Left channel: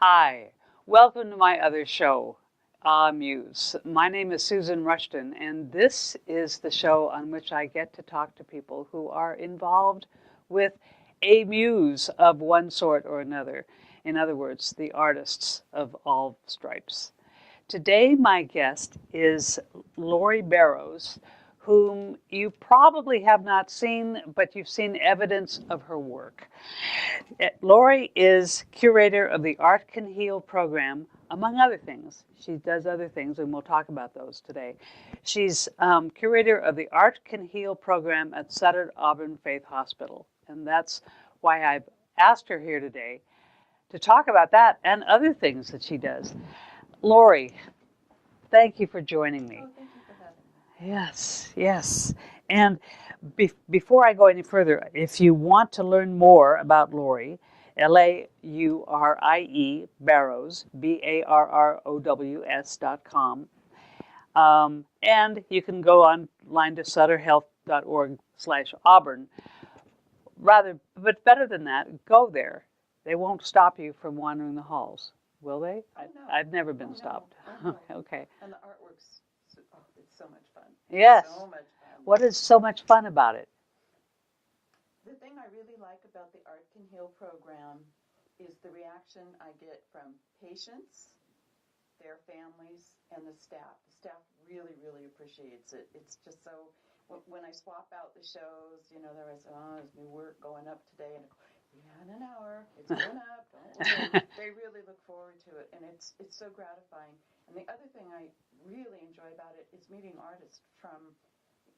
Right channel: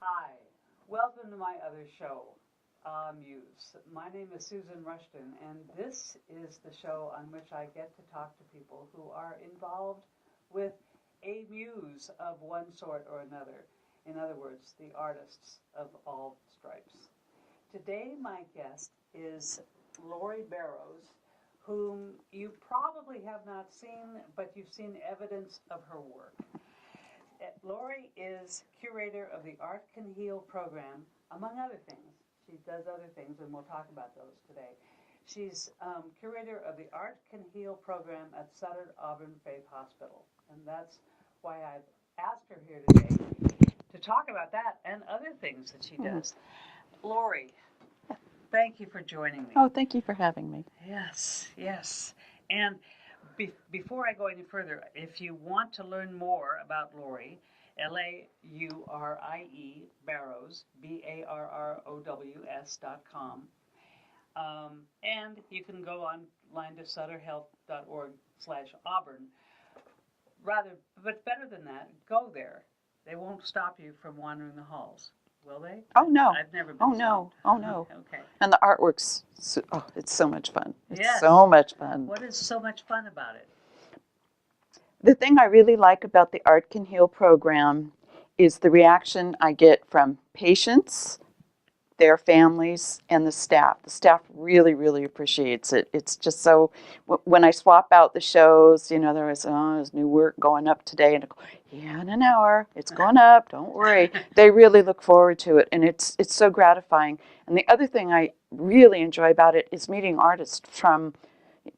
Hi, welcome to my other show, Muse. My name is Susan Rushton, and this is the show on which I get to talk to people who are involved with a muse of one sort or another. In other words, the artists of all stripes. Today, my guest is Laurie Barrows, whom you probably have not seen, but you've seen evidence of her work. Laurie is curator of the Art Can Heal program, among other things. She does other things, and we'll talk about those today. She's curator of the Art Can Heal program at Sutter Auburn Faith Hospital, and that's why I've asked her here today to talk about that and other things that she does. Laurie, thank you for joining me. Oh, thank you for having me. Yes, yes. And before I go any further, if you want to learn more about Laurie, Laurie Barrows, BARROWS.com. And you can go online to sutterhealth.org/Auburn. But better than that, go there. They won't stop you from wandering the halls, will they? Oh, no. I've never been stopped. Oh, no. Okay. And the artwork's, it's so much fun. It's Yes. so much fun. What is so much fun about it? The thing I really like about the Art Can Heal program is the reaction I get from patients, their families, and the staff. The staff really, really appreciates it. It's just so, when I swap out the shows, you know, there's new work going up today, and I go, yeah, in an hour, it's going up, don't worry. They really look forward to it, and it's so gratifying. And the other thing I really enjoy about it is meeting artists from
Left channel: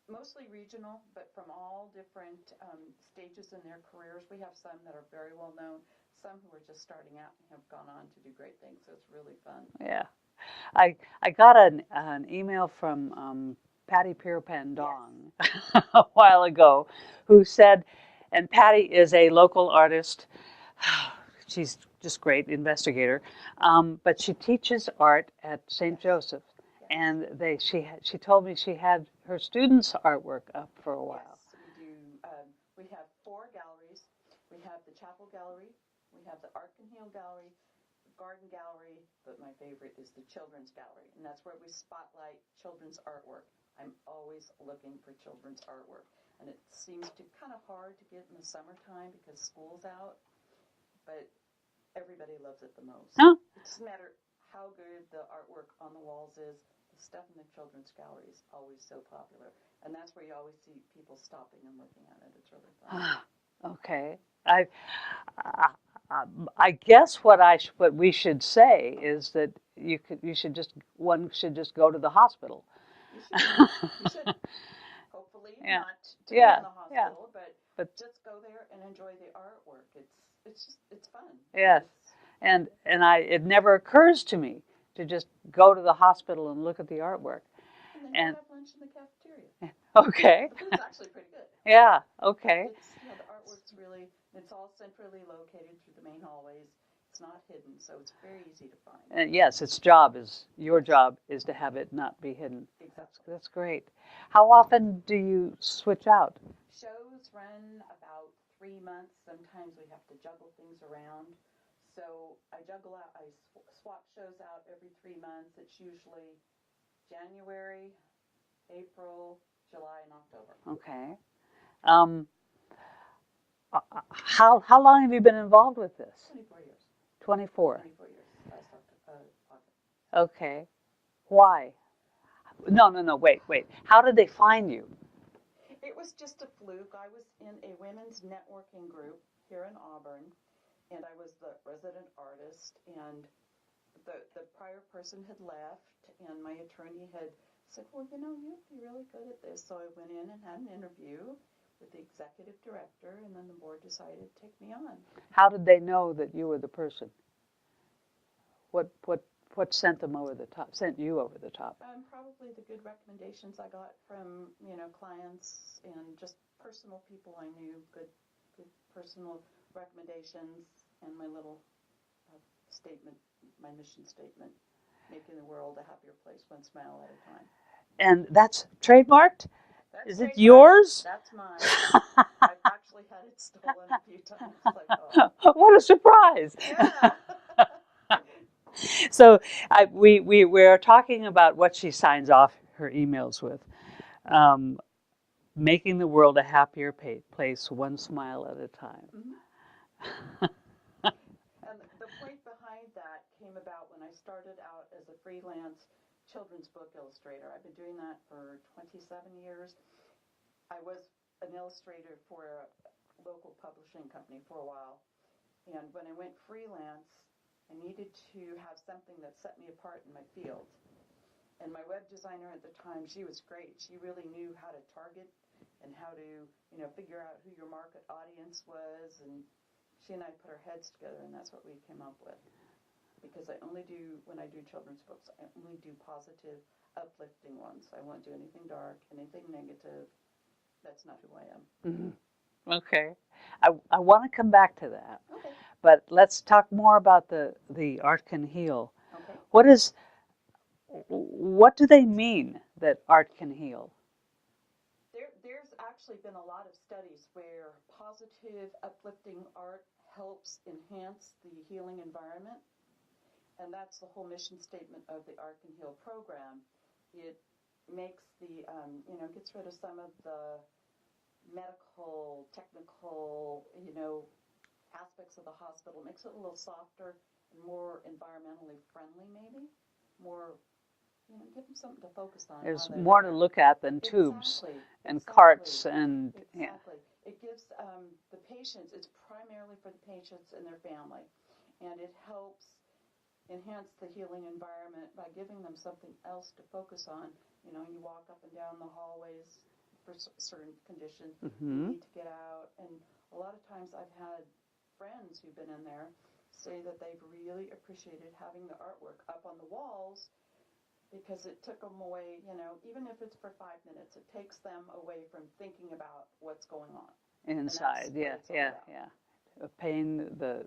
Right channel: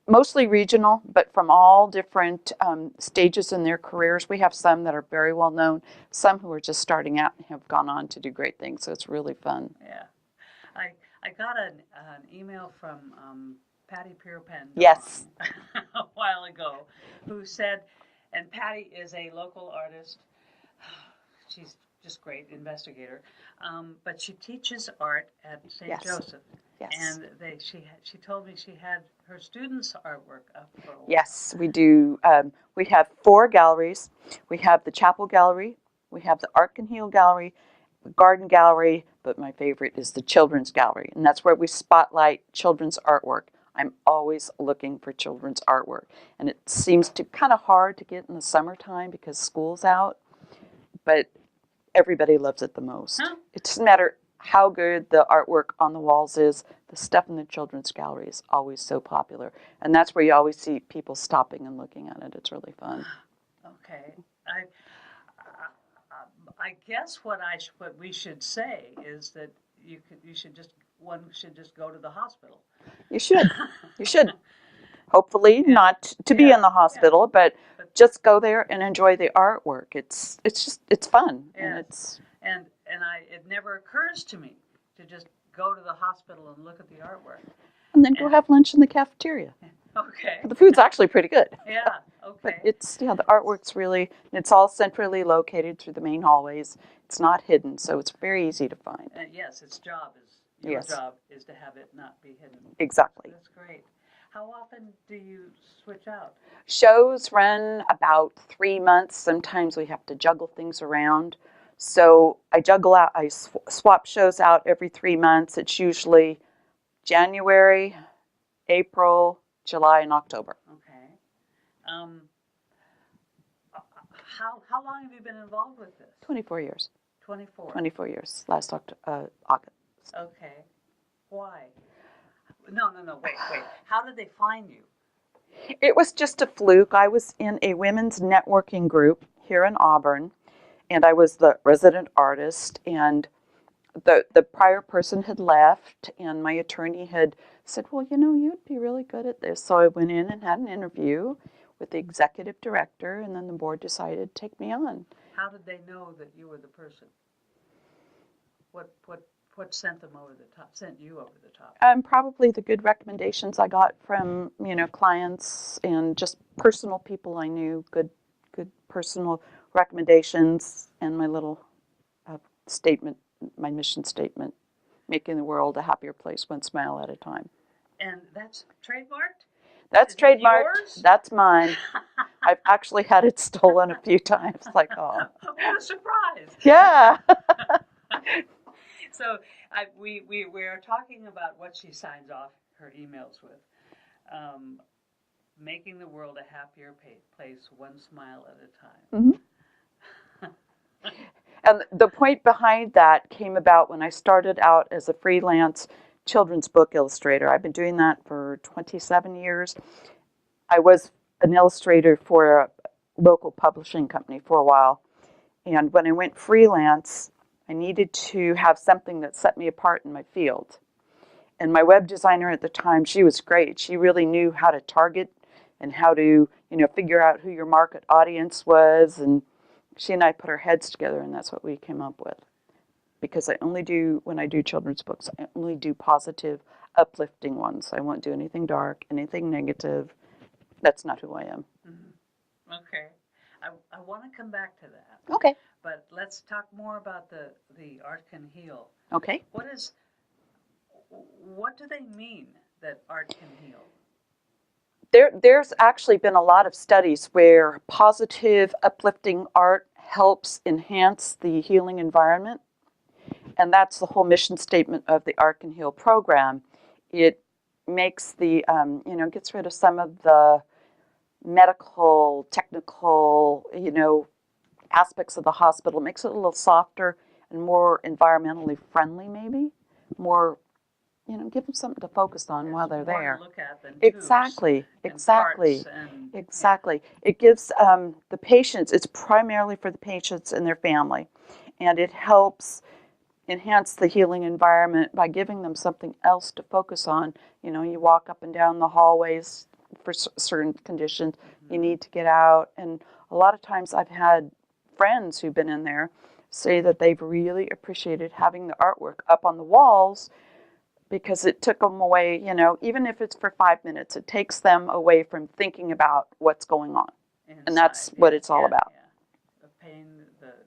mostly regional, but from all different stages in their careers. We have some that are very well known, some who are just starting out and have gone on to do great things, so it's really fun. Yeah. I got an email from Patty Pierpan Yes. a while ago, who said, and Patty is a local artist. She's just great investigator, but she teaches art at St. Yes. Joseph. Yes. And she told me she had her students' artwork up for a while. Yes, we do. We have 4 galleries. We have the Chapel Gallery, we have the Art Can Heal Gallery, the Garden Gallery, but my favorite is the Children's Gallery, and that's where we spotlight children's artwork. I'm always looking for children's artwork, and it seems kind of hard to get in the summertime because school's out, but everybody loves it the most. Huh? It doesn't matter how good the artwork on the walls is, the stuff in the children's gallery is always so popular, and that's where you always see people stopping and looking at it. It's really fun. Okay. I guess what we should say is that one should just go to the hospital. You should. You should. Hopefully not to be Yeah, in the hospital, but just go there and enjoy the artwork. It's fun. Yes. And it never occurs to me to just go to the hospital and look at the artwork. And then go have lunch in the cafeteria. Okay. The food's actually pretty good. Yeah. Okay. The artwork's it's all centrally located through the main hallways. It's not hidden, so it's very easy to find. And yes, your job is to have it not be hidden. Exactly. That's great. How often do you switch out? Shows run about 3 months. Sometimes we have to juggle things around. So I swap shows out every 3 months. It's usually January, April, July, and October. Okay. How long have you been involved with this? 24 years. 24. 24 years, last August. Okay. Why? No, wait. How did they find you? It was just a fluke. I was in a women's networking group here in Auburn, and I was the resident artist, and the prior person had left, and my attorney had said, well, you know, you'd be really good at this. So I went in and had an interview with the executive director, and then the board decided to take me on. How did they know that you were the person? What sent them over the top? Sent you over the top? Probably the good recommendations I got from, you know, clients and just personal people I knew, good personal recommendations, and my little statement, my mission statement, making the world a happier place one smile at a time. And that's trademarked? That's Is trademarked. it yours? That's mine. I've actually had it stolen a few times. Like, oh, what a surprise! yeah. So we're talking about what she signs off her emails with. Making the world a happier place one smile at a time. Mm-hmm. And the point behind that came about when I started out as a freelance children's book illustrator. I've been doing that for 27 years. I was an illustrator for a local publishing company for a while. And when I went freelance, I needed to have something that set me apart in my field. And my web designer at the time, she was great. She really knew how to target and how to, you know, figure out who your market audience was. And she and I put our heads together, and that's what we came up with. Because when I do children's books, I only do positive, uplifting ones. I won't do anything dark, anything negative. That's not who I am. Mm-hmm. Okay. I want to come back to that. Okay. But let's talk more about the art can heal. Okay. What do they mean that art can heal? There's actually been a lot of studies where positive, uplifting art helps enhance the healing environment. And that's the whole mission statement of the Art Can Heal program. It makes gets rid of some of the medical, technical, aspects of the hospital, makes it a little softer and more environmentally friendly, maybe. More, give them something to focus on while they're there. There's more to look at than tubes. Exactly. Exactly. It gives the patients, it's primarily for the patients and their family, and it helps enhance the healing environment by giving them something else to focus on. You walk up and down the hallways for certain conditions, you need to get out, and a lot of times I've had friends who've been in there say that they've really appreciated having the artwork up on the walls because it took them away, even if it's for 5 minutes, it takes them away from thinking about what's going on. Inside, and that's what it's all about. Yeah. The pain, the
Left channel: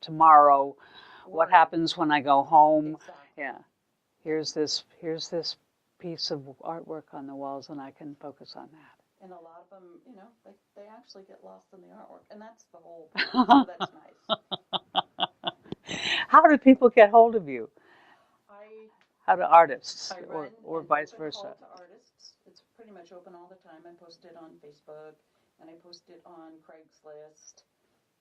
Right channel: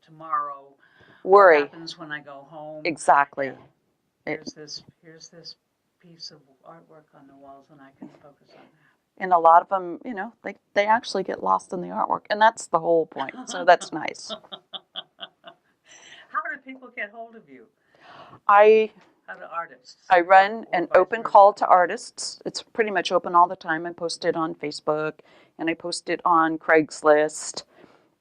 tomorrow, worry. What happens when I go home. Exactly. Yeah. Here's this piece of artwork on the walls, and I can focus on that. And a lot of them, they actually get lost in the artwork, and that's the whole point. So that's nice. How do people get hold of you? How do artists? I run or an vice open versa? call to artists. It's pretty much open all the time. I post it on Facebook, and I post it on Craigslist.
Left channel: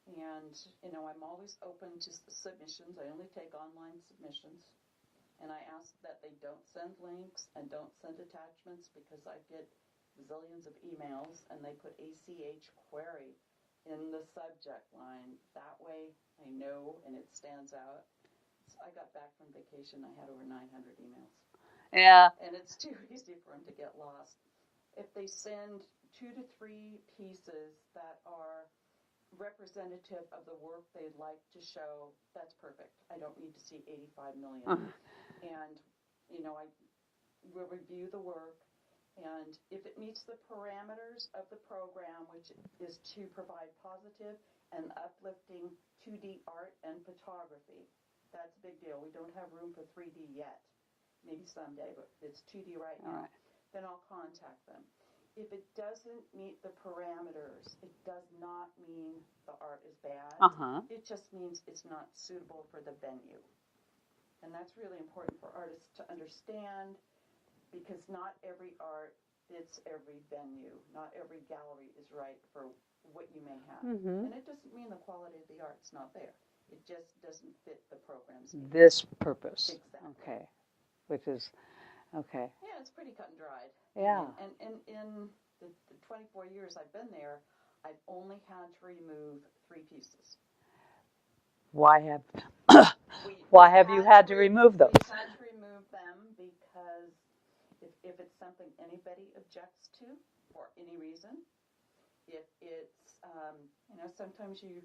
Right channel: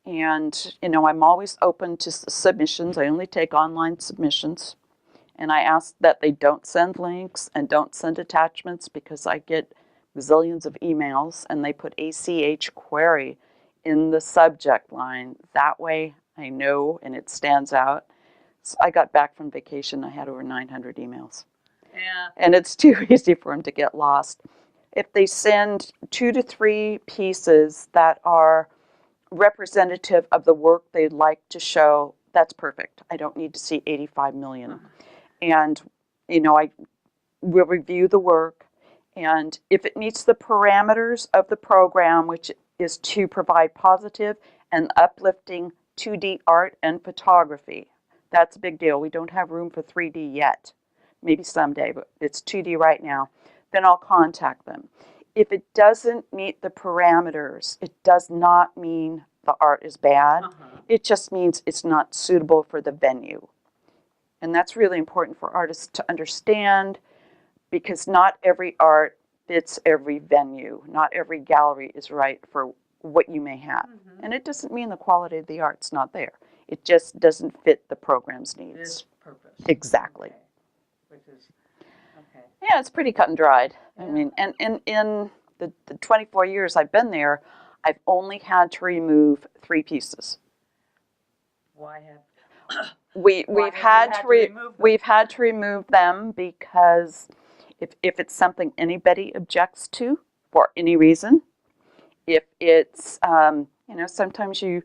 And, I'm always open to submissions. I only take online submissions. And I ask that they don't send links and don't send attachments because I get zillions of emails, and they put ACH query in the subject line. That way I know, and it stands out. So I got back from vacation. I had over 900 emails. Yeah. And it's too easy for them to get lost. If they send 2 to 3 pieces that are representative of the work they'd like to show, that's perfect. I don't need to see 85 million. And, I will review the work. And if it meets the parameters of the program, which is to provide positive and uplifting 2D art and photography, that's a big deal. We don't have room for 3D yet. Maybe someday, but it's 2D right now. Then I'll contact them. If it doesn't meet the parameters, it does not mean the art is bad. It just means it's not suitable for the venue. And that's really important for artists to understand, because not every art fits every venue. Not every gallery is right for what you may have. And it doesn't mean the quality of the art's not there. It just doesn't fit the program's needs. This purpose. Exactly. Okay. Which is, okay. Yeah, it's pretty cut and dried. Yeah. I mean, and in the 24 years I've been there, I've only had to remove 3 pieces. Why have We've have you had to remove them? We've had to remove them because if it's something anybody objects to for any reason, if it's, sometimes you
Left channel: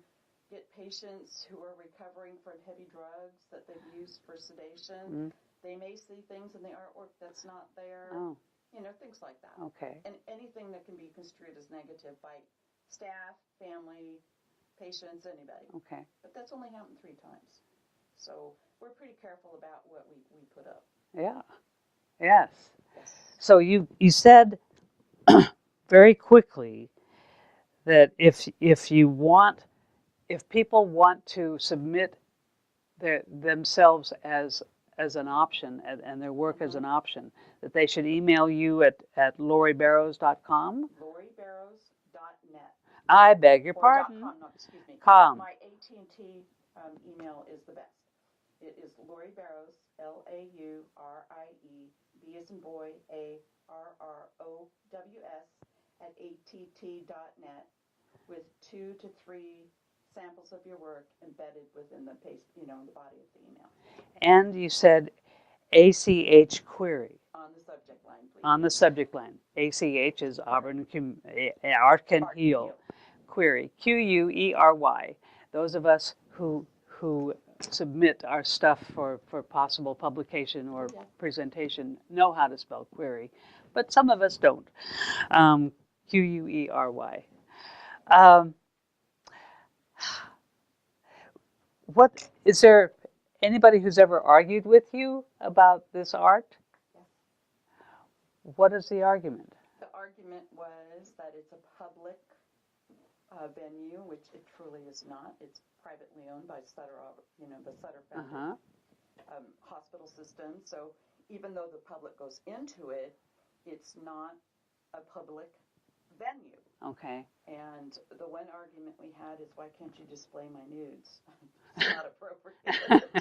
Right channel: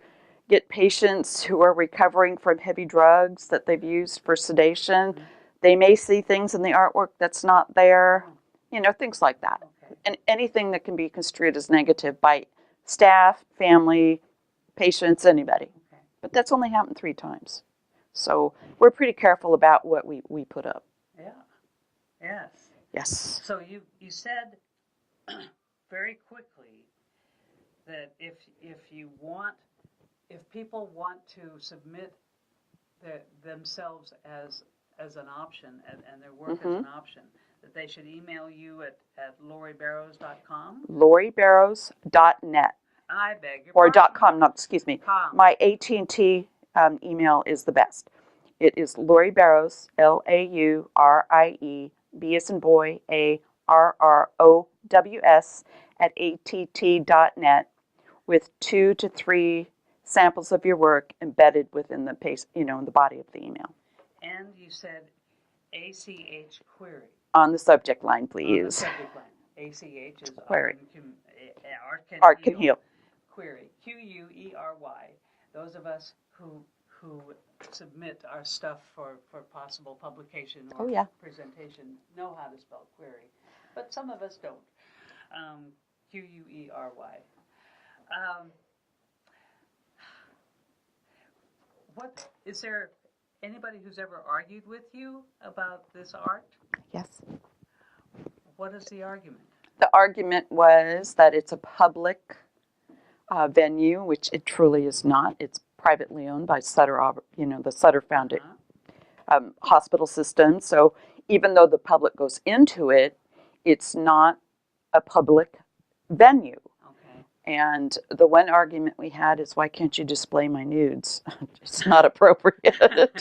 get patients who are recovering from heavy drugs that they've used for sedation. Mhm. They may see things in the artwork that's not there, things like that. Okay. And anything that can be construed as negative by staff, family, patients, anybody. Okay. But that's only happened 3 times. So we're pretty careful about what we put up. Yeah. Yes. Yes. So you said very quickly that if people want to submit themselves as an option and their work as an option, that they should email you at lauriebarrows.com. lauriebarrows.net. I beg your or pardon. .com, no, excuse me. Com. My AT&T email is the best. It is Laurie Barrows, LAURIE, B as in boy, ARROWS at att.net with 2 to 3 samples of your work embedded within the in the body of the email. And you said ACH query. On the subject line, please. On the subject line. ACH is Art Can Heal. Query. QUERY. Those of us who submit our stuff for possible publication or presentation know how to spell query, but some of us don't. QUERY. What is there anybody who's ever argued with you about this art? Yes. What is the argument? The argument was that it's a public venue, which it truly is not. It's privately owned by Sutter, the Sutter Founded hospital system. So even though the public goes into it, it's not a public venue. Okay. And the one argument we had is, why can't you display my nudes? It's not appropriate.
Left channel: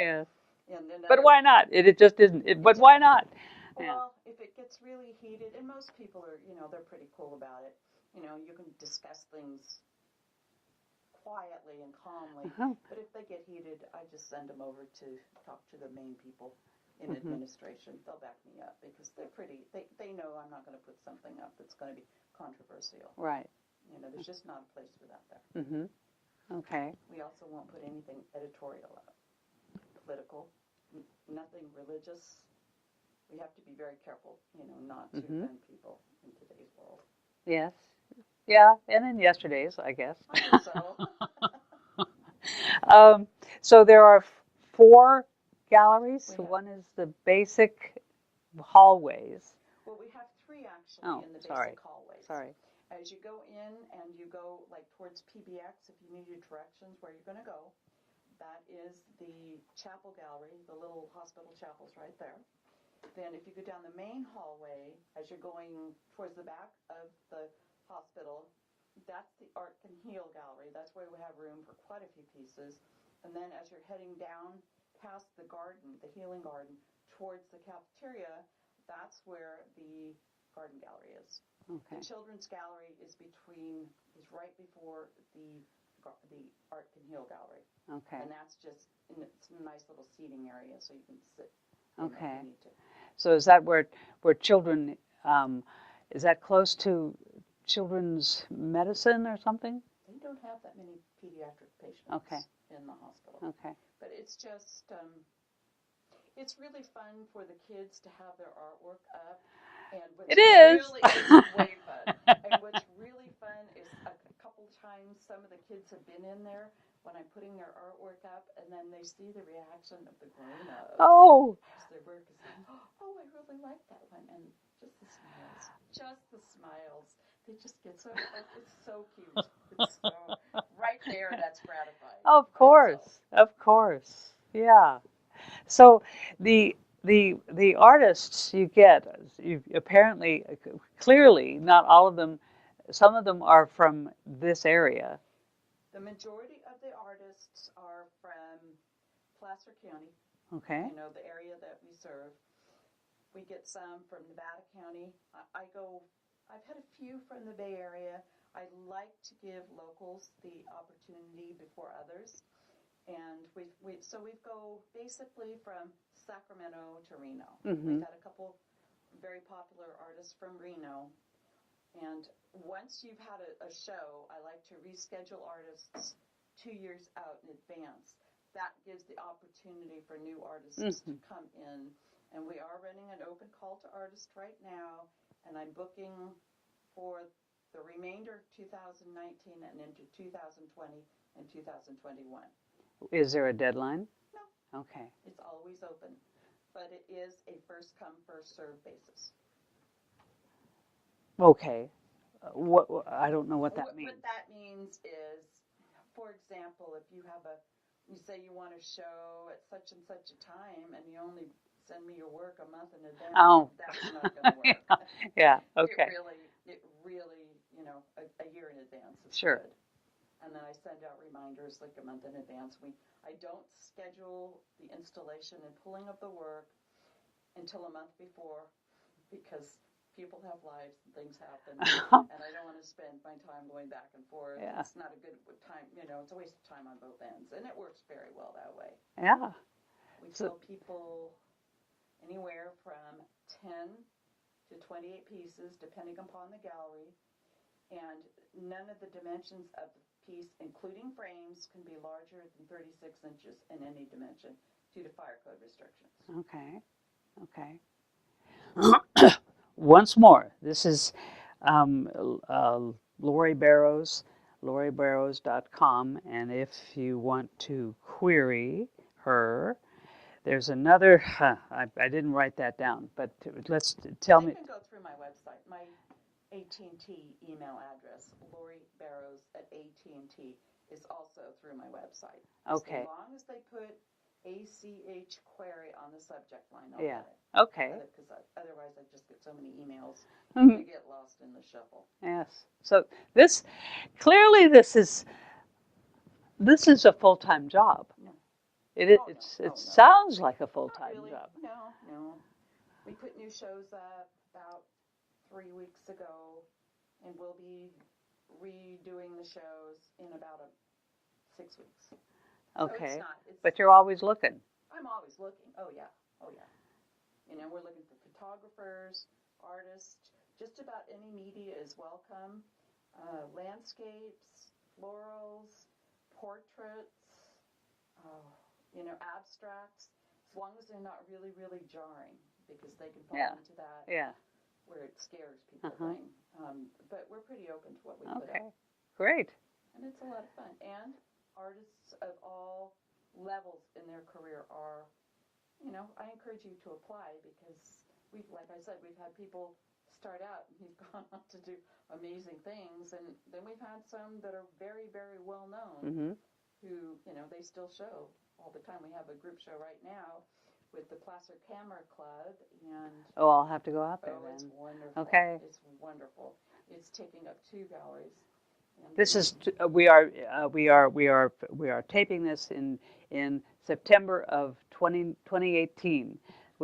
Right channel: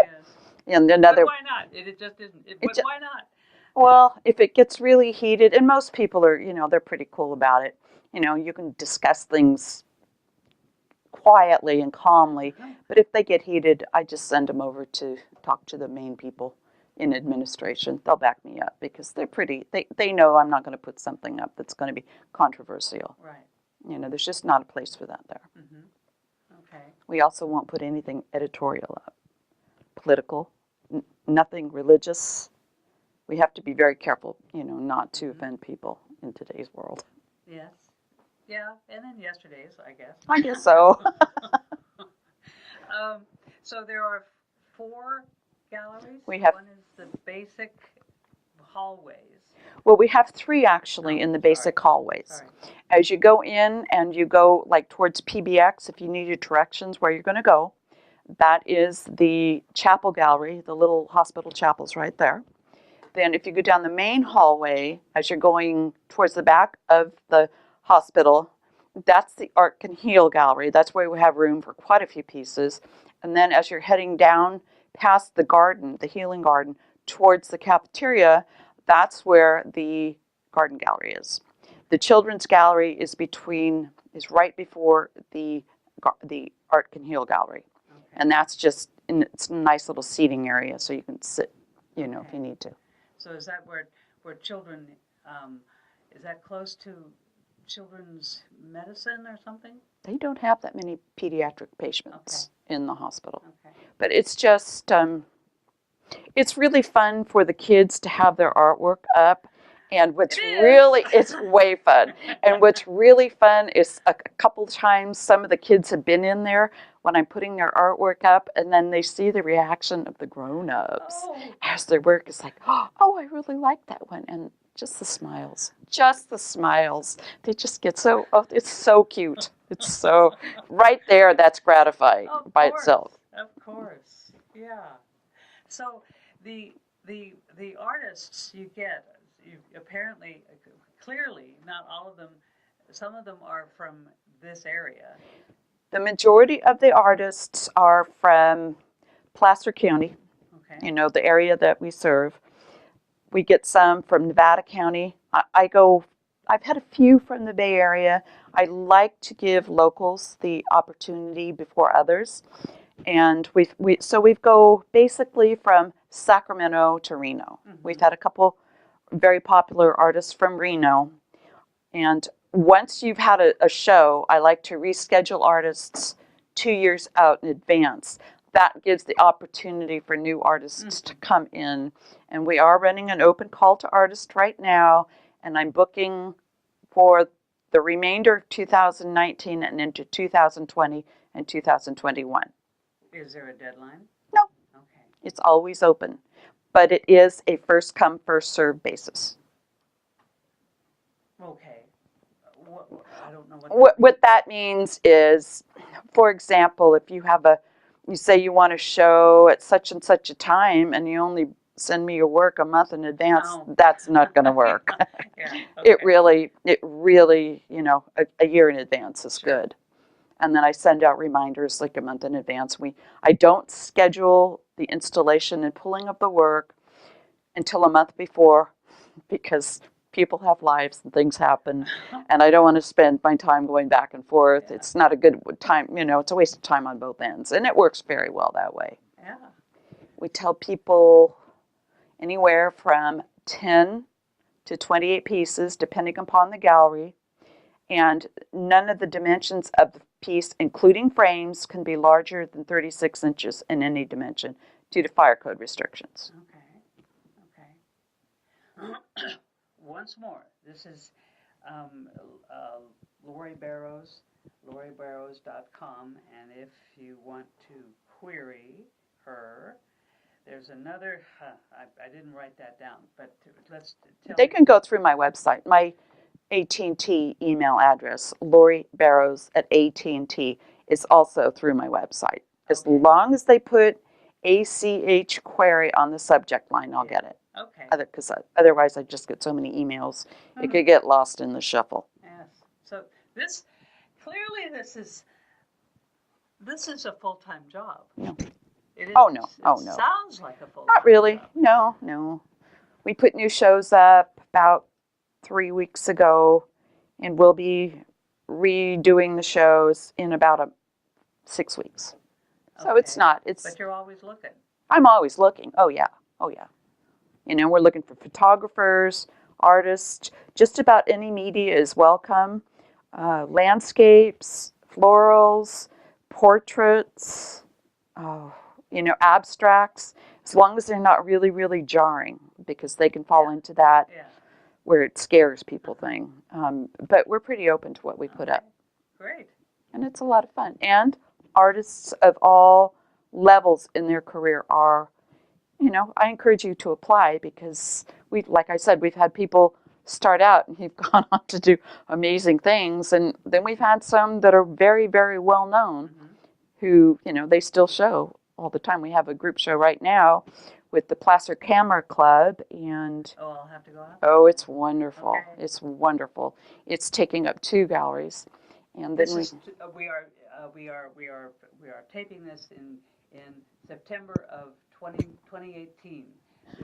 Yes. And another. But why not? It just isn't. Why not? Well, if it gets really heated, and most people are, they're pretty cool about it. You can discuss things quietly and calmly. But if they get heated, I just send them over to talk to the main people in administration. They'll back me up because they know I'm not going to put something up that's going to be controversial. Right. There's just not a place for that there. Okay. We also won't put anything editorial up. Political, nothing religious. We have to be very careful, not to offend people in today's world. Yes. Yeah, and in yesterday's, I guess. I guess so. So there are 4 galleries. One is the basic hallways. Well, we have 3 actually in the basic hallways. Sorry. As you go in and you go like towards PBX, if you needed directions where you're going to go, that is the chapel gallery, the little hospital chapel's right there. Then if you go down the main hallway, as you're going towards the back of the hospital, that's the Art Can Heal gallery. That's where we have room for quite a few pieces. And then as you're heading down past the garden, the healing garden, towards the cafeteria, that's where the garden gallery is. The children's gallery is right before the Art Can Heal gallery. Okay. And that's it's a nice little seating area, so you can sit, if you need to. So is that where children, is that close to children's medicine or something? They don't have that many pediatric patients in the hospital. Okay. But it's just, it's really fun for the kids to have their artwork up. And it's way fun. And what's really fun is a couple times some of the kids have been in there when I'm putting their artwork up, and then they see the reaction of the grown-ups as their work is like, oh, I really like that one. And just the smiles. They just get it's so cute. It's so, right there, that's gratifying by itself. Of course, yeah. So the artists you get, apparently, clearly, not all of them, some of them are from this area. The majority of the artists are from Placer County, the area that we serve. We get some from Nevada County. I've had a few from the Bay Area. I like to give locals the opportunity before others. And we go basically from Sacramento to Reno. We've had a couple very popular artists from Reno. And once you've had a show, I like to reschedule artists 2 years out in advance. That gives the opportunity for new artists to come in. And we are running an open call to artists right now. And I'm booking for the remainder of 2019 and into 2020 and 2021. Is there a deadline? No. Okay. It's always open. But it is a first come, first served basis. Okay. What I don't know what that What means. that means is, for example, if you say you want a show at such and such a time and you only send me your work a month in advance, that's not going to work. Yeah. Okay. It really, a year in advance is good. And then I send out reminders like a month in advance. I don't schedule the installation and pulling of the work until a month before, because people have lives and things happen, and I don't want to spend my time going back and forth. Yeah. It's not a good time, it's a waste of time on both ends, and it works very well that way. Yeah. We tell people anywhere from 10 to 28 pieces, depending upon the gallery, and none of the dimensions of the piece, including frames, can be larger than 36 inches in any dimension due to fire code restrictions. Okay. Once more, this is Laurie Barrows, lauriebarrows.com, and if you want to query her, there's another, I didn't write that down, but let's tell me. They can go through my website. My AT&T email address, lauriebarrows@AT&T, is also through my website. As long as they put ACH query on the subject line, I'll get it. Okay. Because otherwise I just get so many emails, it could get lost in the shuffle. Yes. So this is a full-time job. No. It is. Oh no. It sounds like a full-time Not really. job. No. We put new shows up about 3 weeks ago, and we'll be redoing the shows in about 6 weeks. So it's not. But you're always looking. I'm always looking. Oh yeah. We're looking for photographers, artists. Just about any media is welcome. Landscapes, florals, portraits, abstracts. As long as they're not really, really jarring, because they can fall into that where it scares people thing. But we're pretty open to what we put up. Great. And it's a lot of fun. And artists of all levels in their career are, I encourage you to apply, because like I said, we've had people start out and have gone on to do amazing things. And then we've had some that are very, very well known who, they still show all the time. We have a group show right now with the Placer Camera Club, and I'll have to go out. It's wonderful. Okay. It's wonderful. It's taking up 2 galleries. And this is we are taping this in September of 2018,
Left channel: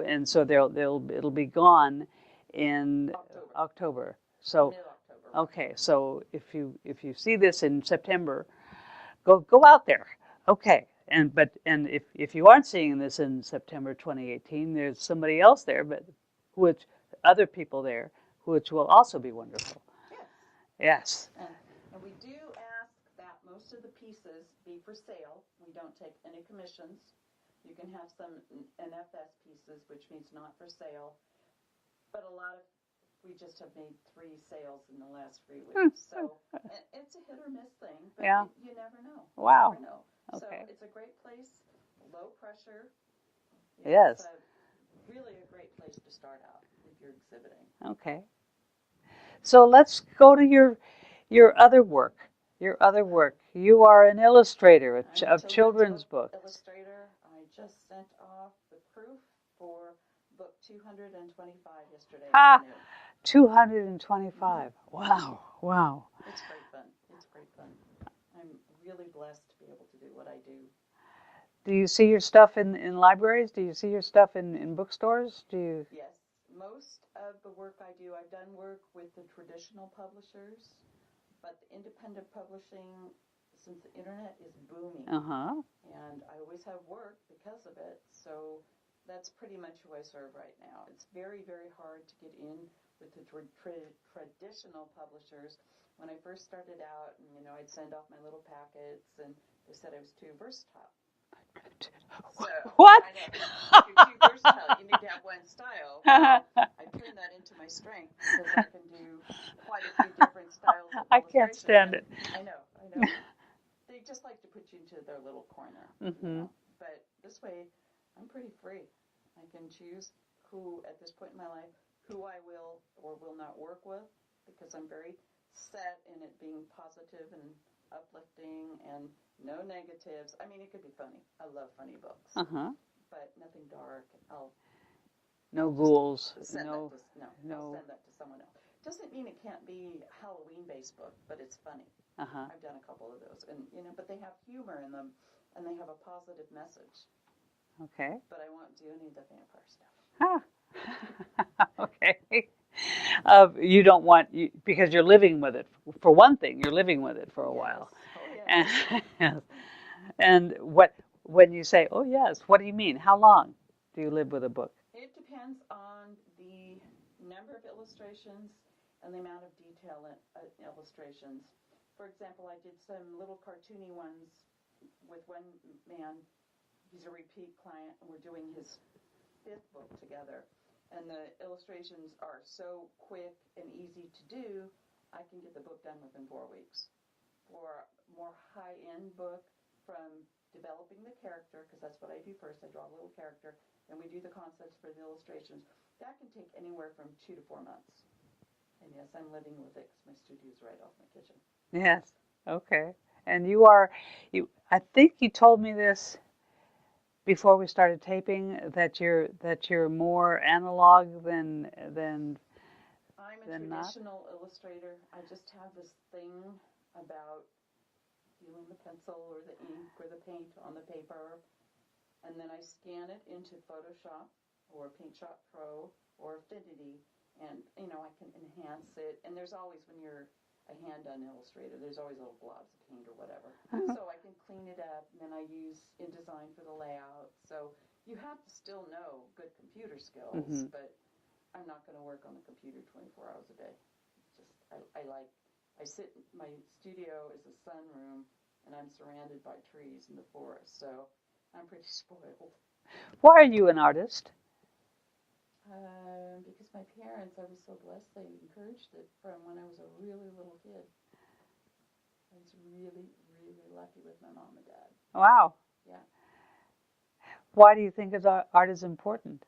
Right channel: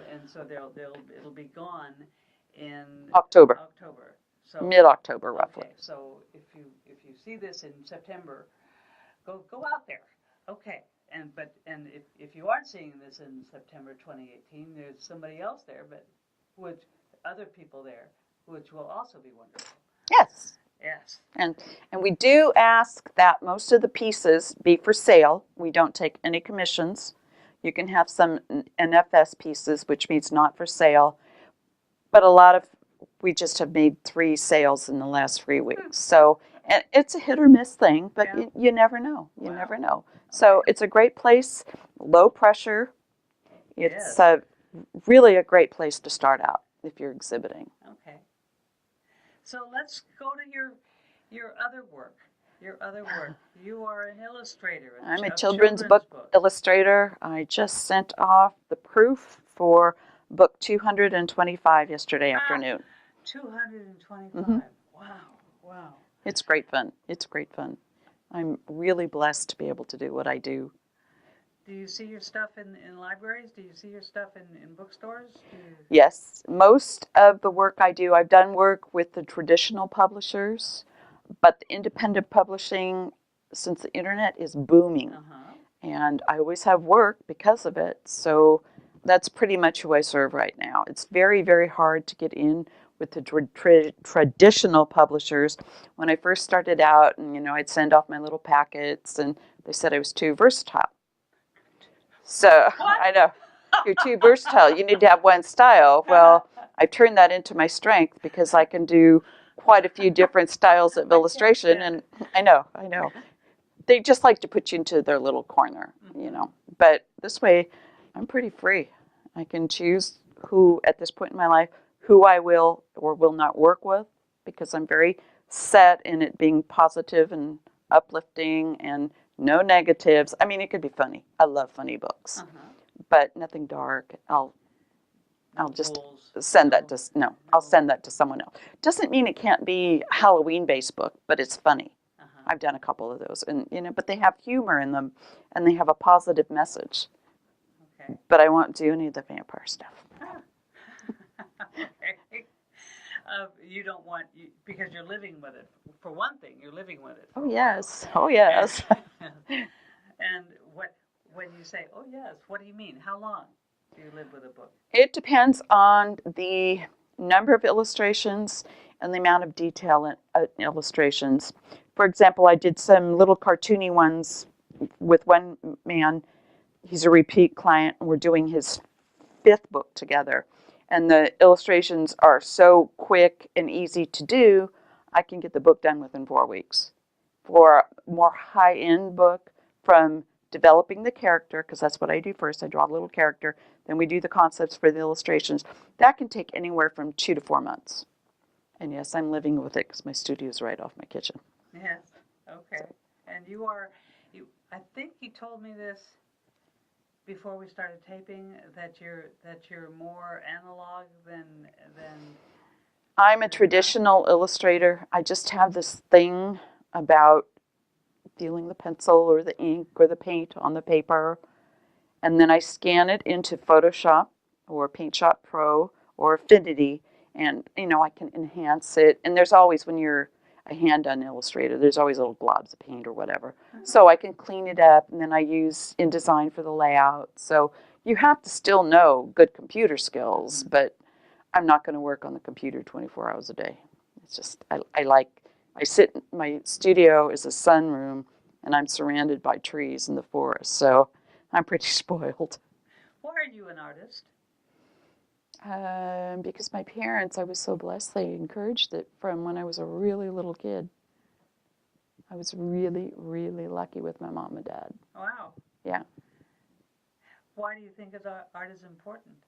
and so it'll be gone in October. So mid-October. Roughly. Okay, so if you see this in September, go out there. Okay, and if you aren't seeing this in September 2018, there's somebody else there, other people there, which will also be wonderful. Yes. Yes. And we do ask that most of the pieces be for sale. We don't take any commissions. You can have some NFS pieces, which means not for sale. But we just have made 3 sales in the last 3 weeks. So and it's a hit or miss thing, but you never know. You never know. Okay. So it's a great place, low pressure. It's really a great place to start out if you're exhibiting. Okay. So let's go to your other work. You are an illustrator. I'm a children's book illustrator. I just sent off the proof for book 225 yesterday afternoon. 225. Wow. It's great fun. I'm really blessed to be able to do what I do. Do you see your stuff in libraries? Do you see your stuff in bookstores? Yes. Most of the work I do, I've done work with the traditional publishers, but the independent publishing since the internet is booming. Uh-huh. And I always have work because of it. So that's pretty much who I serve right now. It's very, very hard to get in with the traditional publishers. When I first started out, and I'd send off my little packets, and they said I was too versatile. So What? I know, you're too versatile. You need to have one style. Well, I've turned that into my strength because I can do quite a few different styles of illustration. And I know. They just like to put you into their little corner, But this way, I'm pretty free. I can choose who, at this point in my life, who I will or will not work with, because I'm very set in it being positive and uplifting and no negatives. I mean, it could be funny. I love funny books, but nothing dark. I'll just send that to I'll send that to someone else. Doesn't mean it can't be a Halloween-based book, but it's funny. I've done a couple of those, and but they have humor in them, and they have a positive message. Okay. But I won't do any of the vampire stuff. Okay. You don't want, because you're living with it. For one thing, you're living with it for a while. Oh yes. And when you say, oh yes, what do you mean? How long do you live with a book? It depends on the number of illustrations and the amount of detail in illustrations. For example, I did some little cartoony ones with one man. He's a repeat client, and we're doing his 5th book together. And the illustrations are so quick and easy to do, I can get the book done within 4 weeks. For a more high-end book, from developing the character, because that's what I do first, I draw a little character, then we do the concepts for the illustrations. That can take anywhere from 2 to 4 months. And yes, I'm living with it because my studio is right off my kitchen. Yes. Okay. And I think you told me this before we started taping, that you're more analog than I'm a traditional illustrator. I just have this thing about feeling the pencil or the ink or the paint on the paper, and then I scan it into Photoshop or PaintShop Pro or Affinity, and I can enhance it. And there's always, when you're a hand-done illustrator, there's always little globs of paint or whatever. So I can clean it up, and then I use InDesign for the layout. So you have to still know good computer skills, but I'm not going to work on the computer 24 hours a day. It's just, I sit, my studio is a sunroom, and I'm surrounded by trees in the forest, so I'm pretty spoiled. Why are you an artist? Because my parents, I was so blessed, they encouraged it from when I was a really little kid. I was really, really lucky with my mom and dad. Wow. Yeah. Why do you think art is important?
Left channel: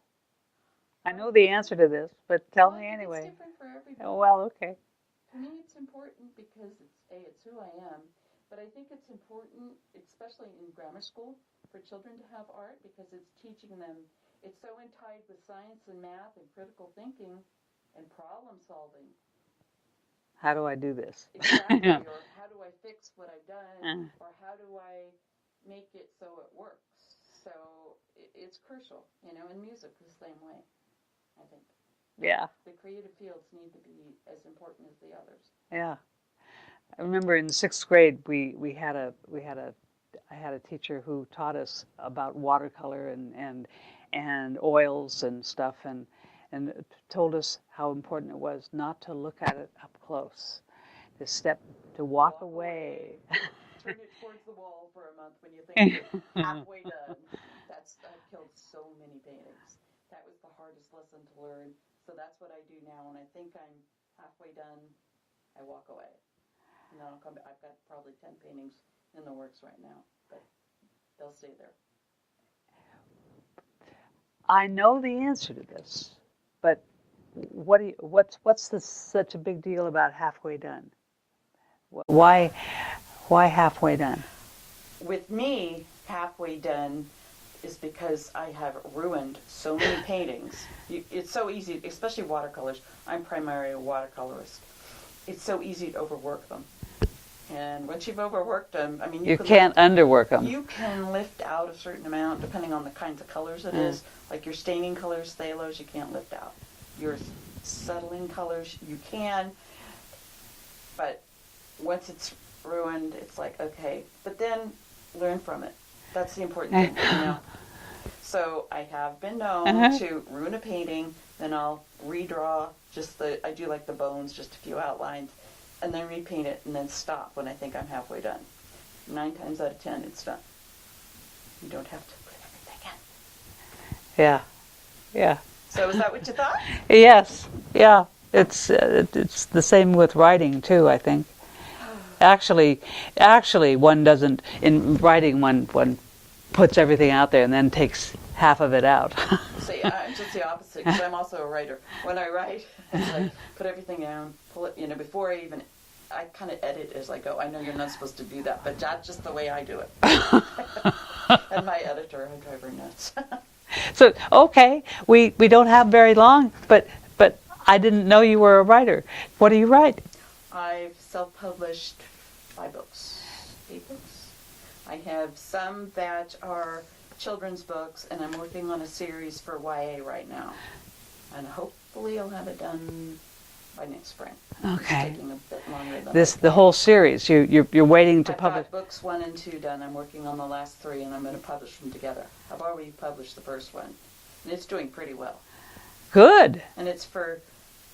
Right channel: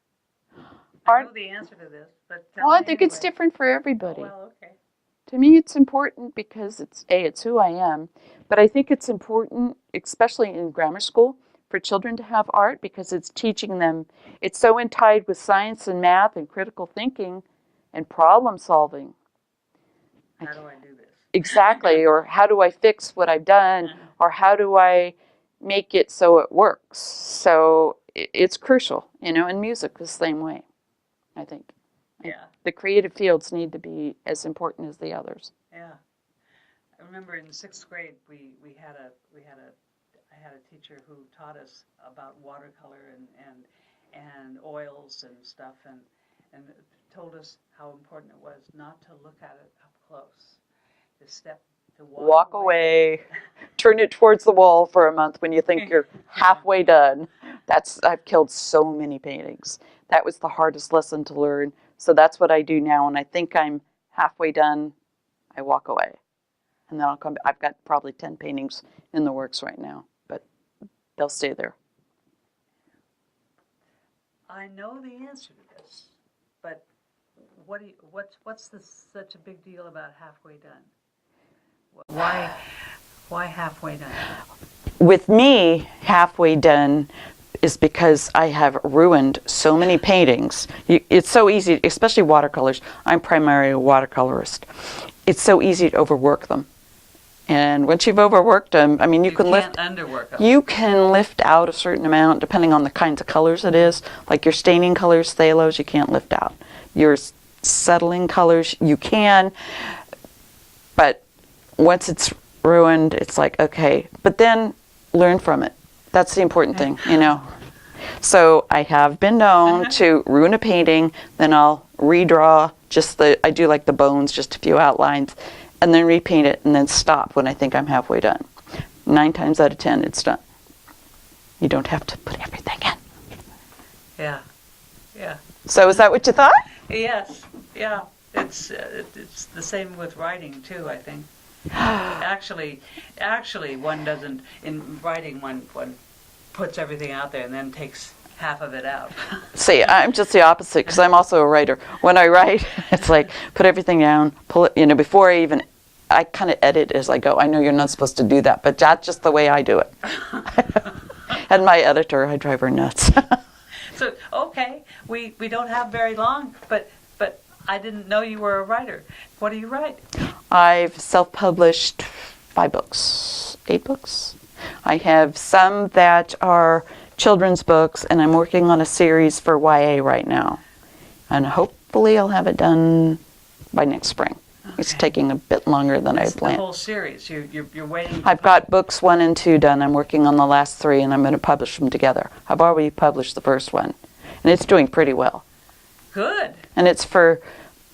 I know the answer to this, but tell me I think it's different for everybody. Oh, well, okay. To me, it's important because it's who I am. But I think it's important, especially in grammar school, for children to have art, because it's teaching them. It's so tied with science and math and critical thinking and problem solving. How do I do this? Exactly. Or how do I fix what I've done? Or how do I make it so it works? So it's crucial, and music the same way, I think. Yeah. The creative fields need to be as important as the others. Yeah. I remember in 6th grade I had a teacher who taught us about watercolor and oils and stuff, and told us how important it was not to look at it up close, to walk away. Turn it towards the wall for a month when you think you're halfway done. I've killed so many paintings. That was the hardest lesson to learn. So that's what I do now. When I think I'm halfway done, I walk away. And then I'll come back. I've got probably 10 paintings in the works right now, but they'll stay there. I know the answer to this, but what's such a big deal about halfway done? Why halfway done? With me, halfway done is because I have ruined so many paintings. It's so easy, especially watercolors. I'm primarily a watercolorist. It's so easy to overwork them. And once you've overworked them, I mean, you can't underwork them. You can lift out a certain amount depending on the kinds of colors it is. Like your staining colors, phthalos, you can't lift out. Your settling colors, you can. But once it's ruined, it's like, okay. But then learn from it. That's the important thing, you know. So I have been known to ruin a painting, then I'll redraw I do like the bones, just a few outlines, and then repaint it, and then stop when I think I'm halfway done. 9 times out of 10, it's done. You don't have to put everything in. Yeah. Yeah. So is that what you thought? Yes. Yeah. It's the same with writing too, I think. Actually, one doesn't, in writing, one puts everything out there and then takes half of it out. See, I'm just the opposite, because I'm also a writer. When I write, it's like, put everything down, pull it, you know, before I kind of edit as I go. I know you're not supposed to do that, but that's just the way I do it. And my editor, I drive her nuts. So, okay, we don't have very long, but I didn't know you were a writer. What do you write? I've self-published 5 books, 8 books. I have some that are children's books, and I'm working on a series for YA right now. And hopefully I'll have it done by next spring. Okay. It's taking a bit longer than I planned. The whole series, you're waiting to I've got books 1 and 2 done. I'm working on the last 3, and I'm going to publish them together. I've already published the first one, and it's doing pretty well. Good. And it's for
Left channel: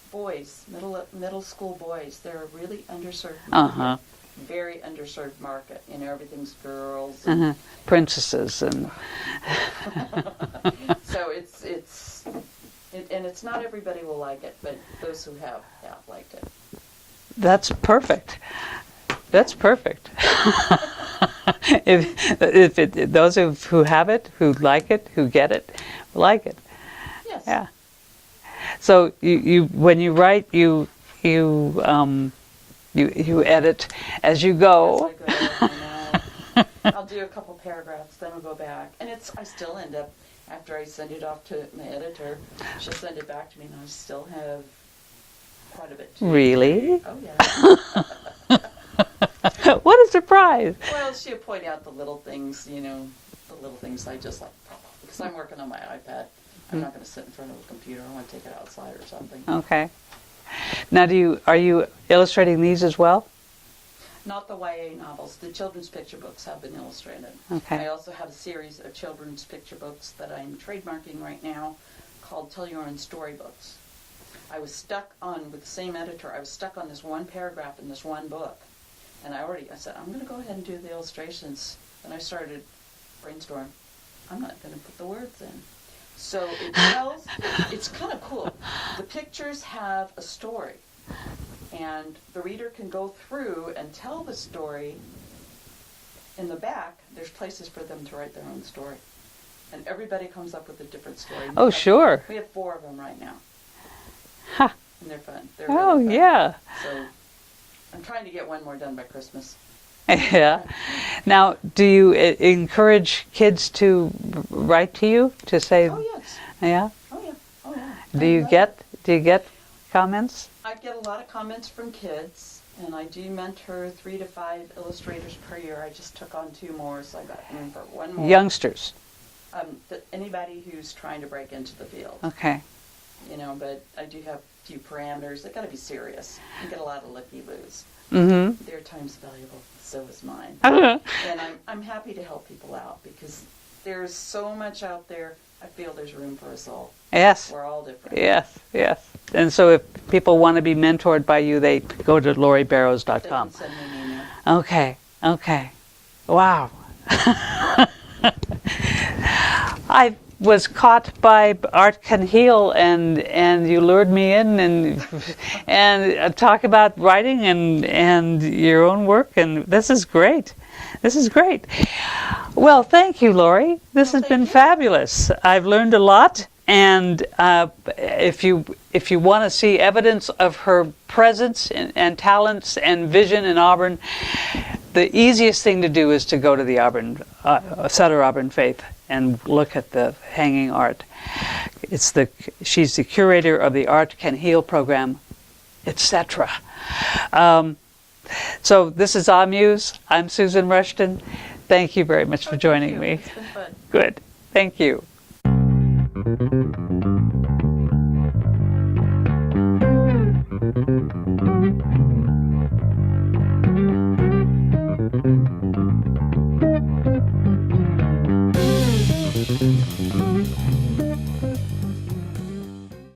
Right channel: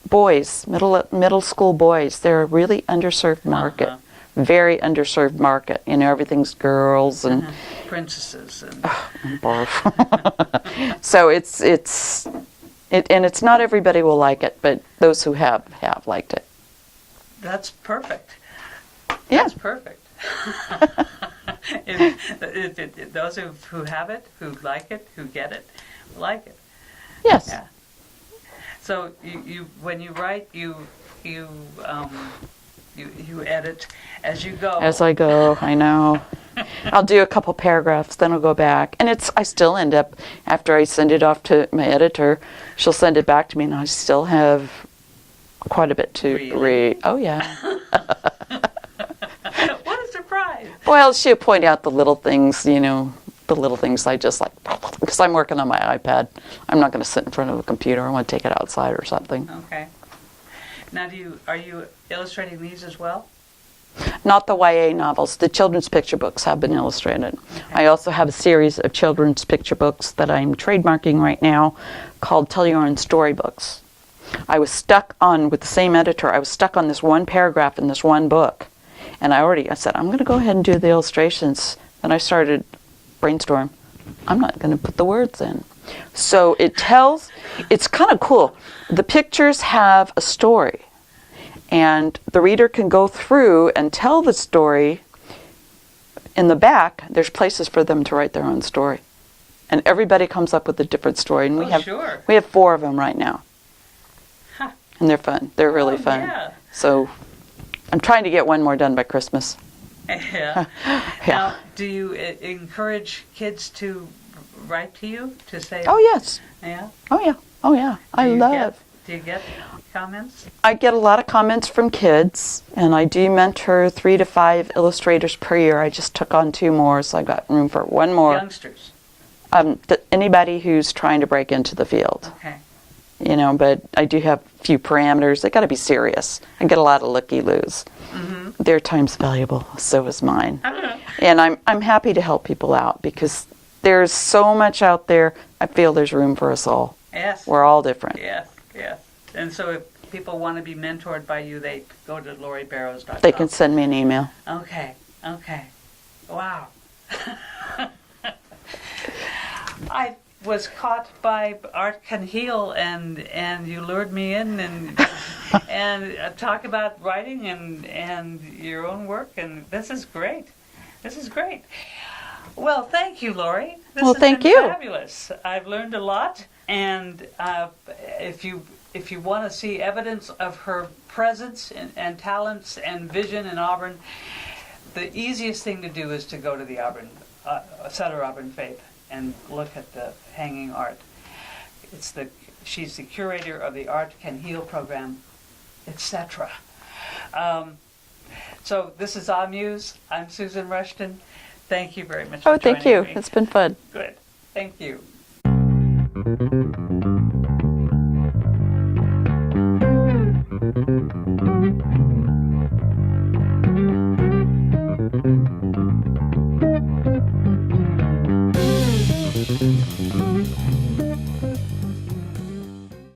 boys, middle school boys. They're a really underserved market. Very underserved market. You know, everything's girls and princesses and so it's not everybody will like it, but those who have liked it. That's perfect. Yeah. That's perfect. if those who have it, who like it, who get it, like it. Yes. Yeah. So you when you write, you edit as you go. As I go, I know. I'll do a couple paragraphs, then I'll go back. And I still end up, after I send it off to my editor, she'll send it back to me, and I still have quite a bit to read. Oh, yeah. What a surprise. Well, she'll point out the little things, you know, the little things I just like, because I'm working on my iPad. I'm not going to sit in front of a computer. I want to take it outside or something. Okay. Now, are you illustrating these as well? Not the YA novels. The children's picture books have been illustrated. Okay. I also have a series of children's picture books that I'm trademarking right now called Tell Your Own Storybooks. I was stuck on, with the same editor, I was stuck on this one paragraph in this one book. And I said, I'm going to go ahead and do the illustrations. Then I started brainstorm. I'm not going to put the words in. So it's kind of cool. The pictures have a story. And the reader can go through and tell the story. In the back, there's places for them to write their own story. And everybody comes up with a different story. And sure. We have 4 of them right now. Huh. And they're fun. They're really fun. Yeah. So I'm trying to get one more done by Christmas. Yeah. Now, do you encourage kids to write to you to say? Oh, yes. Yeah? Oh, yeah. Oh, yeah. Do you get comments? I get a lot of comments from kids, and I do mentor 3 to 5 illustrators per year. I just took on 2 more, so I got room for 1 more. Youngsters? Anybody who's trying to break into the field. Okay. You know, but I do have a few parameters. They got to be serious. I get a lot of looky-loos. Mm-hmm. Their time's valuable, so is mine. And I'm happy to help people out, because there's so much out there. I feel there's room for us all. Yes. We're all different. Yes, yes. And so if people want to be mentored by you, they go to lauriebarrows.com. They can send me an email. Okay, okay. Wow. I was caught by Art Can Heal, and you lured me in and talk about writing and your own work, and this is great. This is great. Well, thank you, Laurie. This has been fabulous. I've learned a lot, and if you want to see evidence of her presence and talents and vision in Auburn, the easiest thing to do is to go to the Auburn Sutter Auburn Faith and look at the hanging art. She's the curator of the Art Can Heal program, etc. So this is Muse. I'm Susan Rushton. Thank you very much for joining me. Thank you. It's been fun. Good. Thank you. you.